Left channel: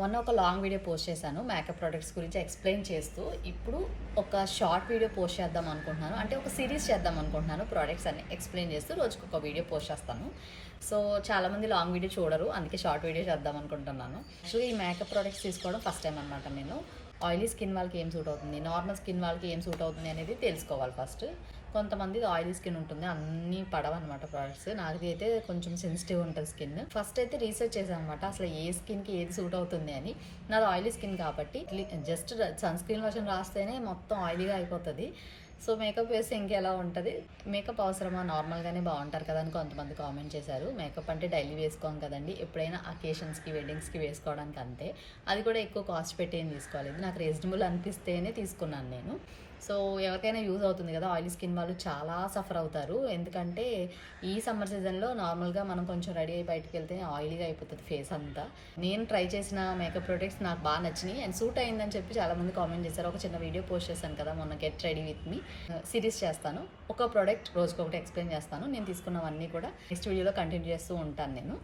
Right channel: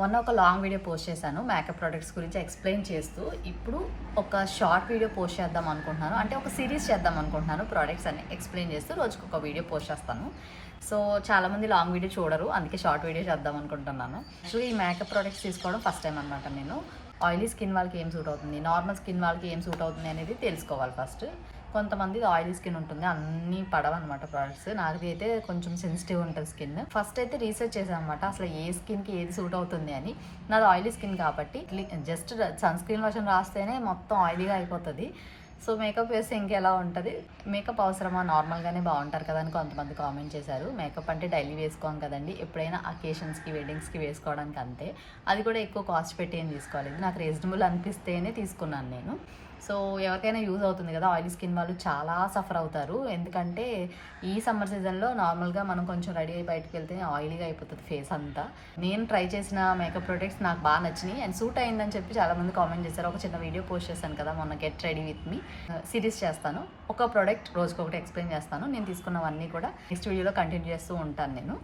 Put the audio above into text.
మొన్న ఒక long video post చేశాను మేకప్ ప్రొడక్ట్స్ గురించి ఎక్స్ప్లెయిన్ చేస్తూ. ఇప్పుడు ఒక షార్ట్ వీడియో పోస్ట్ చేద్దాం అనుకుంటున్నాను, అంటే ఒక సిరీస్ చేద్దాం అనుకుంటున్నాను. ప్రొడక్ట్స్ అని ఎక్స్ప్లెయిన్ చేస్తూ రోజుకి ఒక వీడియో పోస్ట్ చేస్తాను. సో చాలామంది లాంగ్ వీడియో చూడరు, అందుకే షార్ట్ వీడియో చేద్దాం అనుకుంటున్నాను. సో ఈ మేకప్ ప్రొడక్ట్స్ తీసుకోవడం ఫస్ట్ టైం అనమాట. నేను ఆయిలీ స్కిన్ వాళ్ళకి ఏం సూట్ అవుతుంది, నార్మల్ స్కిన్ వాళ్ళకి ఏం సూట్ అవుతుంది అనేది తెలుసుకోవాలి ఫస్ట్. కొంతమంది ఆయిలీ స్కిన్ ఉంటుంది, అన్నీ పడవన్నమాట ప్రొడక్ట్స్. నాది అయితే కొంచెం సెన్సిటివ్ ఉంటుంది స్కిన్. ఫస్ట్ అయితే రీసెర్చ్ చేశాను అనమాట, అసలు ఏ స్కిన్కి ఏది సూట్ అవుతుంది అని. నాది ఆయిలీ స్కిన్ కాబట్టి జస్ట్ సన్ స్క్రీన్ వర్షన్ రాస్తేనే మొత్తం ఆయిలీగా అయిపోతుంది. సో మేకప్ వేస్తే ఇంకెలా ఉంటుంది, మేకప్ అవసరమా, నార్మల్గానే బాగుంటారు కదా అని కొంతమంది కామెంట్ చేశారు. మేకప్ అంటే డైలీ వేసుకోం కదండి, ఎప్పుడైనా అకేషన్స్కి వెడ్డింగ్స్కి వేసుకోవడానికి అంతే. అది కూడా ఎక్కువ కాస్ట్ పెట్టి ఏం తీసుకోవాలి, నాకు రీజనబుల్ అనిపిస్తేనే తీసుకున్నాను నేను. సో ఎవరికైనా యూజ్ అవుతుంది కదా. ఆయిలీ స్కిన్ వాళ్ళు చాలా సఫర్ అవుతారు, ఎందుకంటే ఈ సమ్మర్ సీజన్లో నార్మల్గా మనం కొంచెం రెడీ అయ్యి బయటకు వెళ్తే ఆయిలీగా అయిపోతుంది ఫేస్ అంతా. నేను ట్రై చేసిన మేకప్ ప్రొడక్ట్స్ నాకు బాగా నచ్చినాయి అండ్ సూట్ అయిందని చెప్పి చాలామంది కామెంట్ చేశారు. ఒక చిన్న వీడియో పోస్ట్ చేశాను కదా మొన్న, get ready with me series చేస్తాను. ఒక ప్రోడక్ట్ రోజుకొకటి ఎక్స్ప్లెయిన్ చేస్తాను. నేను తీసుకున్నవన్నీ కూడా నెక్స్ట్ వీడియోలో కంటిన్యూ చేస్తూ ఉంటాను నేను.